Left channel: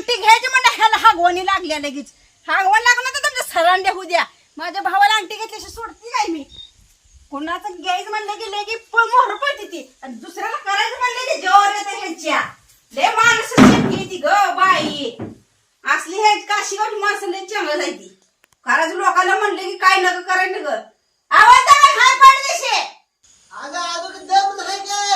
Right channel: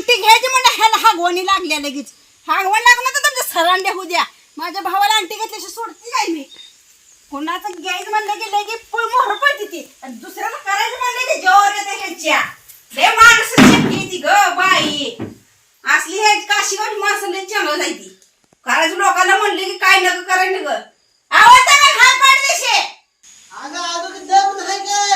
अंगठी घ्यायची म्हणजे ह्याला हागवणी लागल्या लगेच. हागवण लागलं तर तुमचं सरांडे होऊ द्या. माझ्या भावाला अंगठी घेतल्याशी सोडती काय मी. कोणाचं घ्यायचं म्हणलं की लगे मोहर पडते ती आणि दुसऱ्याला करायचं म्हणलं की जोर येते ह्यांच्या. लय माणसं ती ग बाई असली हे काशीगावची माणसं लय चांगलं जायती. करायचं लोकांना म्हणले की काय नका करायला ग. आवाज हात पाड देशे. अगं अगं दम आहे काय